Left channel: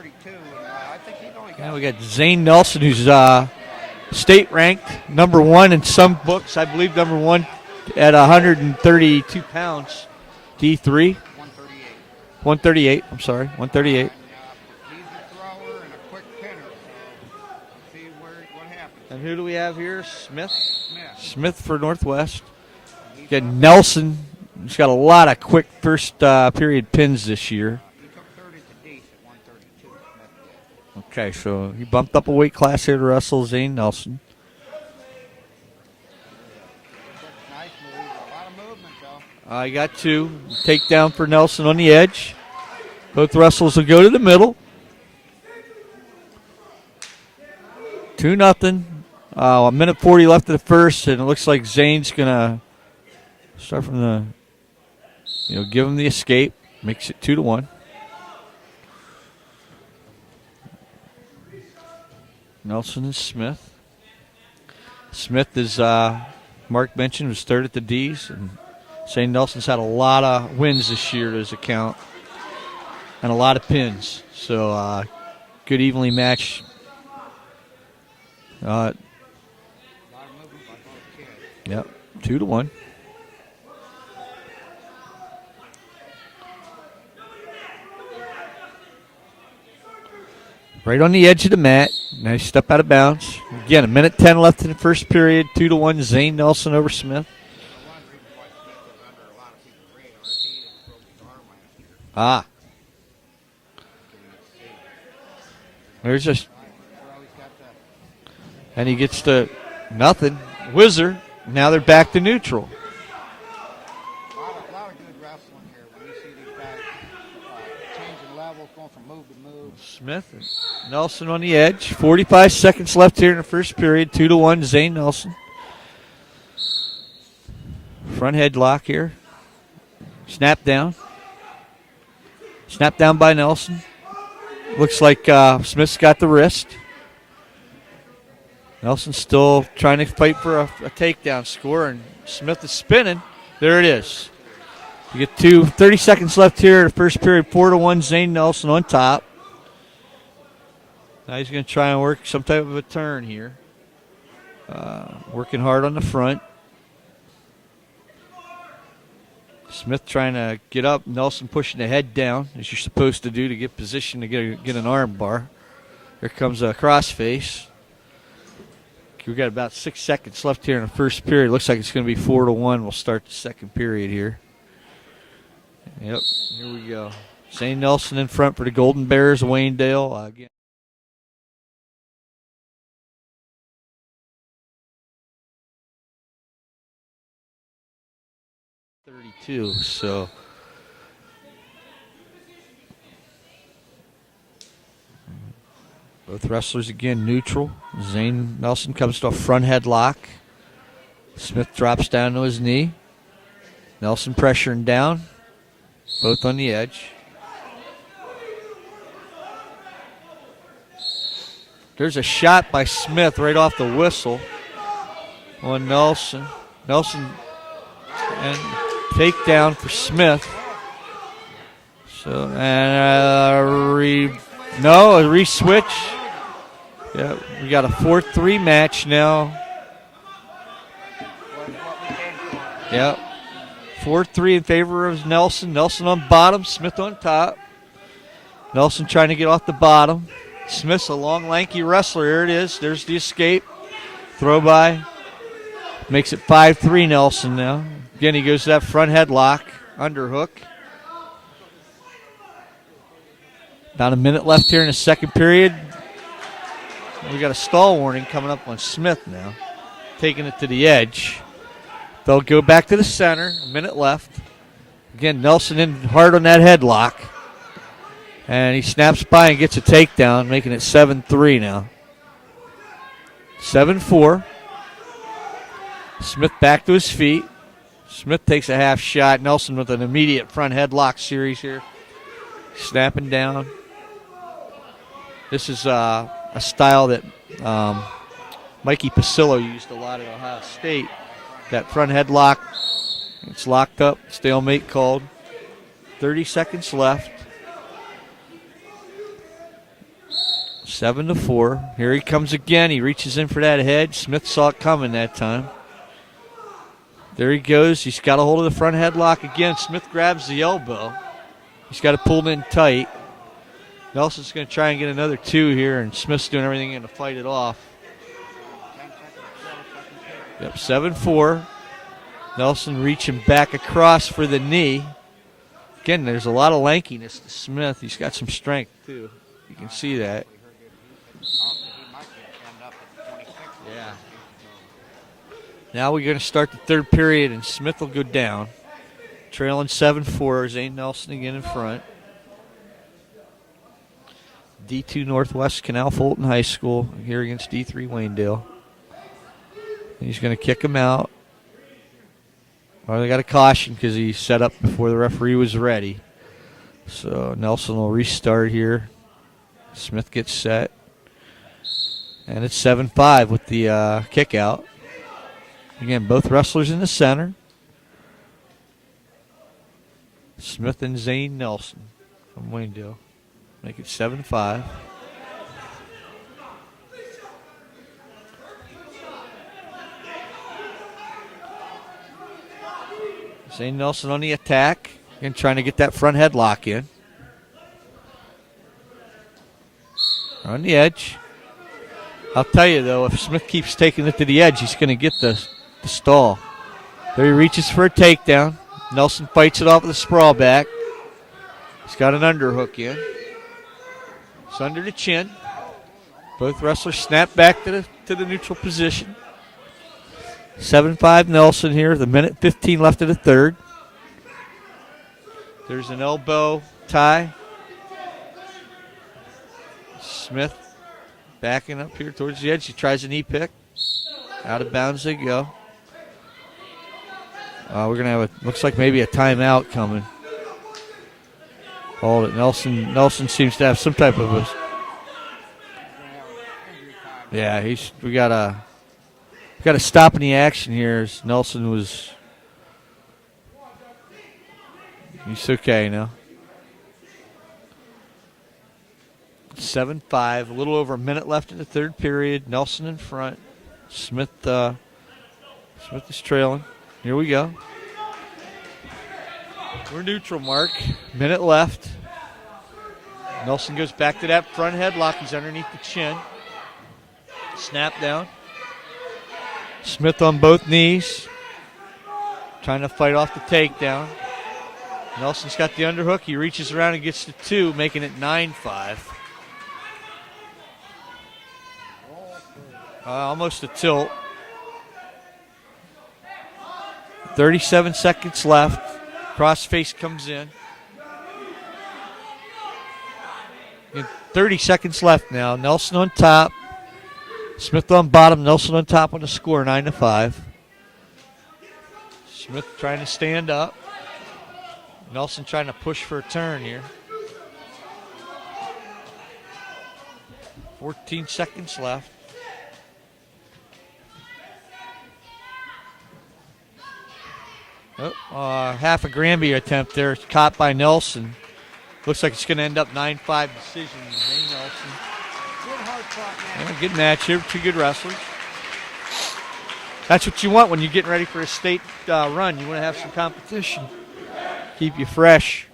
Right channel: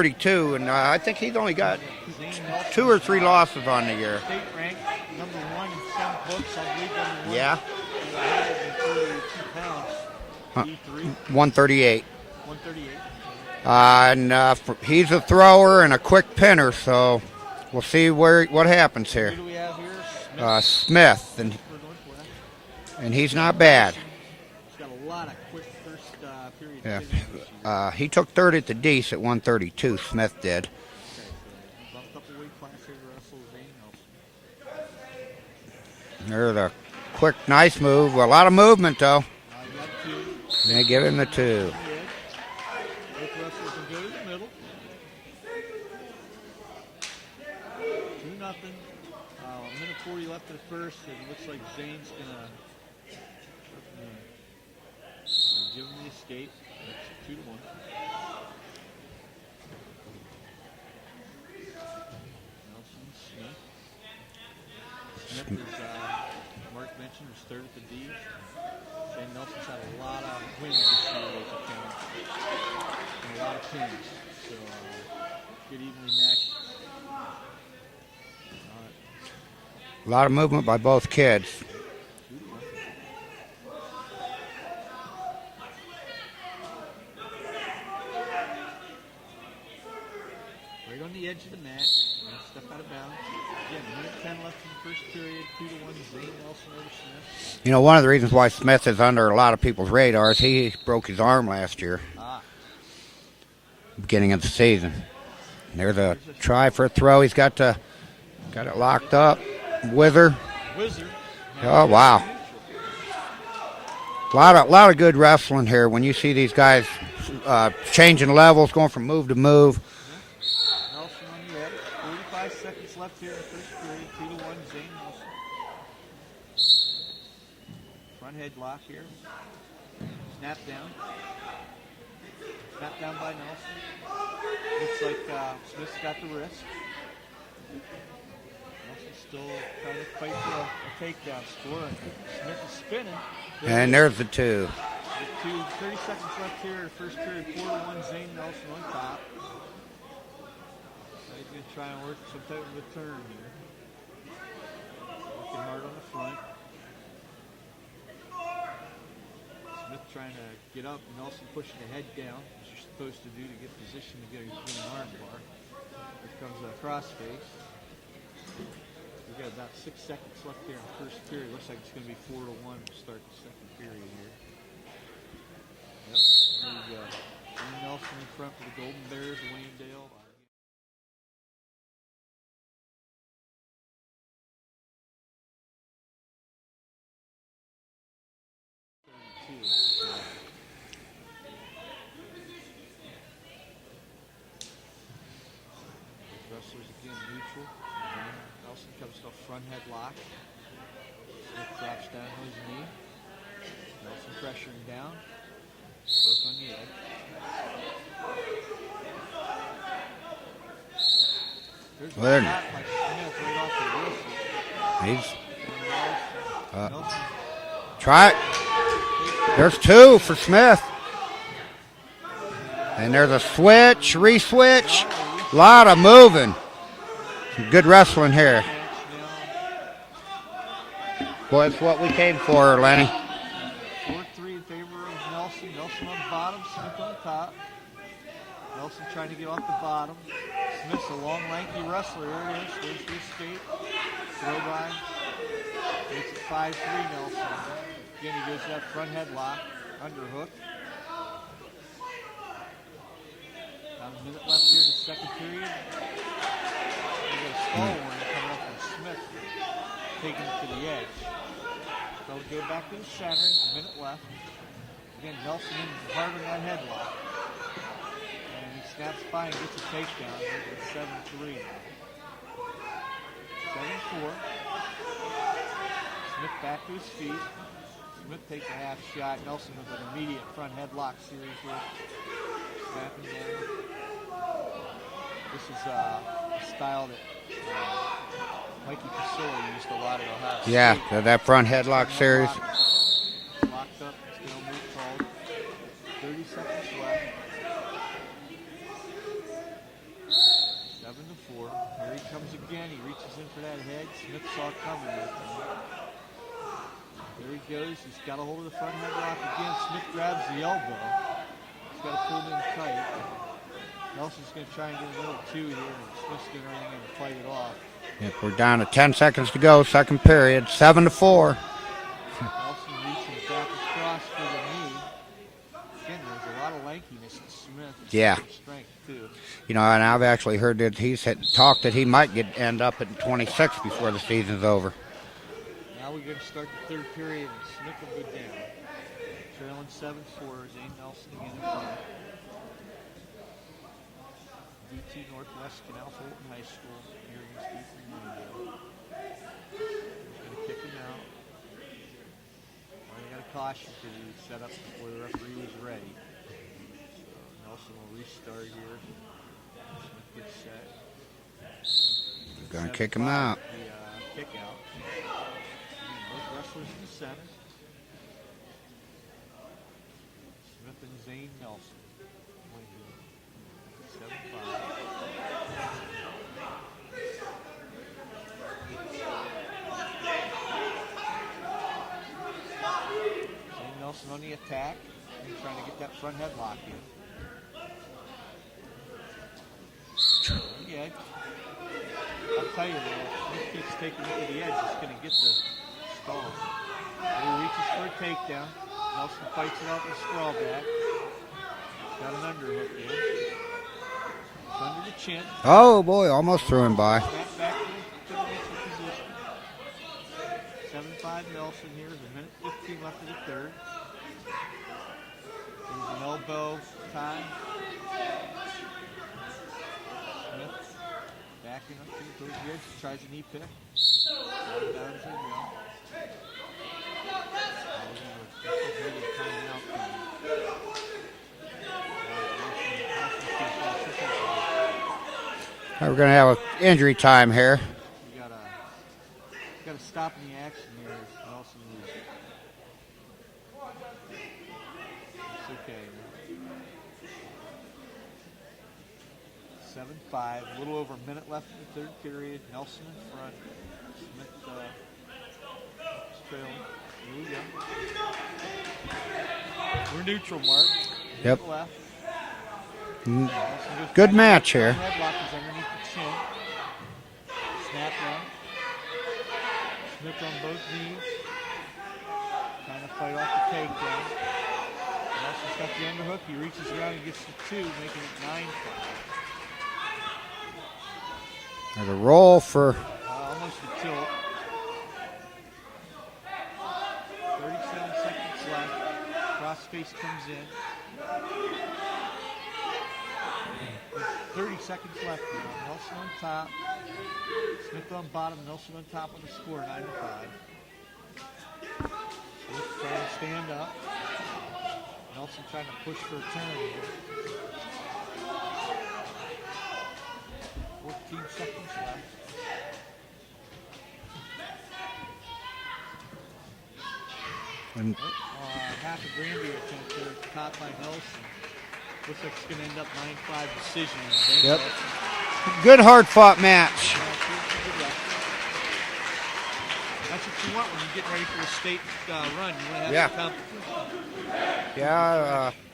32, and I think he's only got. We got Zane Nelson, 2 or who's 3 losses on the year. state ranked, #1 in some books. I believe #1 at 132 pounds. D3. 138. 138. I'm sorry. 138. And he's a thrower and a quick pinner, so we'll see what happens here. Who do we have here? Smith. Smith for Northwest. And he's not bad. Nelson. He's got a lot of quick first period pins this year. He took third at the Dees at 132. Smith did. Okay, so he bumped up a weight class here to wrestle Zane Nelson. There's a quick, nice move. A lot of movement, though. I got 2. Takedown for Nelson on the edge. Both wrestlers will go to the middle. 2-0. A minute 40 left of the first, and it looks like Zane's going to start from the, give him the escape. Makes it 2-1. Nelson and Smith. Smith, as Mark mentioned, was third at the D's. And Zane Nelson's had a lot of wins this year to his account and a lot of pins. So good evenly matched. A lot of movement by both kids. Yep, 2-1. Right on the edge of the mat. Nice step out of bounds. Again, 1:10 left in the first period. 2-1, Zane Nelson over Smith. One of the reasons why Smith is under a lot of people's radar is he broke his arm last year. Beginning of the season. There's a try for a throw. He's got it and locked he gets up. the Wizard. Now they're back to neutral. A lot of good wrestling here when you see these guys changing levels, going from move to move. Smith, Nelson on the edge. 45 seconds left here in the first period. 2-1, Zane Nelson. Front headlock here. Snap down. Snap down by Nelson. Looks like Smith's got the wrist. Nelson's still trying to fight for a takedown score, and Smith is spinning. There it is. There's the 2. You get 30 seconds left here in the first period. 4-1, Zane Nelson on top. Now he's going to try and work some type of a turn here. Working hard on the front. Smith trying to get up. Nelson pushing the head down, as you're supposed to do to get position to get an arm bar. Here comes a crossface. We've got about 6 seconds left here in the first period. Looks like it's going to be 4-1. We'll start the second period here. Yep, here we go. Zane Nelson in front for the Golden Bears of Waynedale. Again. So both wrestlers again neutral. Zane Nelson comes to a front headlock. Smith drops down to his knee. Nelson pressuring down. Both on the edge. There's a shot by Smith right off the whistle. He's on Nelson. Nelson try it and take down Smith. So and there's a switch, re-switch. No, a re-switch. A lot of moving. Yeah, good wrestling here. 4-3 match now. Boy, it's what we came for, Lenny. Yep. 4-3 in favor of Nelson. Nelson on bottom, Smith on top. Nelson trying to get off the bottom. Smith's a long, lanky wrestler. Here it is. There's the escape. Throw by. Makes it 5-3 Nelson now. Again, he goes to that front headlock. Underhook. About a minute left here in the second period. We got a stall warning coming up on Smith now. Taking it to the edge. They'll go back to the center. A minute left. Again, Nelson in hard on that headlock. And he snaps by and gets a takedown, making it 7-3 now. 7-4. Smith back to his feet. Smith takes a half shot. Nelson with an immediate front headlock series here. Snapping down. This is a style that Mikey Pasillo used a lot in Ohio State. Yeah, that front headlock. Front headlock. It's locked up. Stalemate called. 30 seconds left. 7-4. Here he comes again. He reaches in for that head. Smith saw it coming that time. There he goes. He's got a hold of the front headlock again. Smith grabs the elbow. He's got to pull him in tight. Nelson's going to try and get another 2 here, and Smith's doing everything to fight it off. Yep, we're down to 10 seconds to go, second period. Yep, 7-4. Nelson reaching back across for the knee. Again, there's a lot of lankiness to Smith. He's got some strength, too. You know, and I've actually heard that he's talked that he might end up at 26 before the season's over. Now we're going to start the third period, and Smith will go down. Trailing 7-4. Zane Nelson again in front. D2 Northwest Canal Fulton High School here against D3 Waynedale. He's going to kick him out. Well, they got a caution because he set up before the referee was ready. So Nelson will restart here. Smith gets set. And it's 7-5 with the kick out. Again, both wrestlers in the center. Smith and Zane Nelson from Waynedale. Make it 7-5. Zane Nelson on the attack and trying to get that front headlock in. On the edge. I'll tell you, though, if Smith keeps taking it to the edge, he's going to get the stall. There he reaches for a takedown. Nelson fights it off with a sprawl back. He's got an underhook in. It's under the chin. Oh, boy, almost Both threw him wrestlers by. snap back to the neutral position. 7-5 Nelson here. The minute 15 left of the third. There's an elbow tie. Smith backing up here towards the edge. He tries a knee pick. Out of bounds they go. We're going to have looks like maybe a timeout coming. Hold it. Nelson seems to have some type of a... We're going to have an injury time here. Yeah, we got a stop in the action here. As Nelson was... He's okay now. 7-5, a little over a minute left in the third period. Nelson in front. Smith is trailing. Here we go. We're neutral, Mark. Minute left. Nelson goes Good back match to that front here. headlock. He's underneath the chin. Snap down. Smith on both knees. Trying to fight off the takedown. Nelson's got the underhook. He reaches around and gets the 2, making it 9-5. There's a roll for... Almost a tilt. 37 seconds left. Crossface comes in. And 30 seconds left now. Nelson on top. Smith on bottom. Nelson on top on the score, 9-5. Smith trying to stand up. Nelson trying to push for a turn here. 14 seconds left. And half a Granby attempt there. It's caught by Nelson. Looks like it's going to end up 9-5 decision. Yep. Good hard-fought match. Good match here. 2 good wrestlers. That's what you want when you're getting ready for a state run. You want to have some competition. Keep you fresh.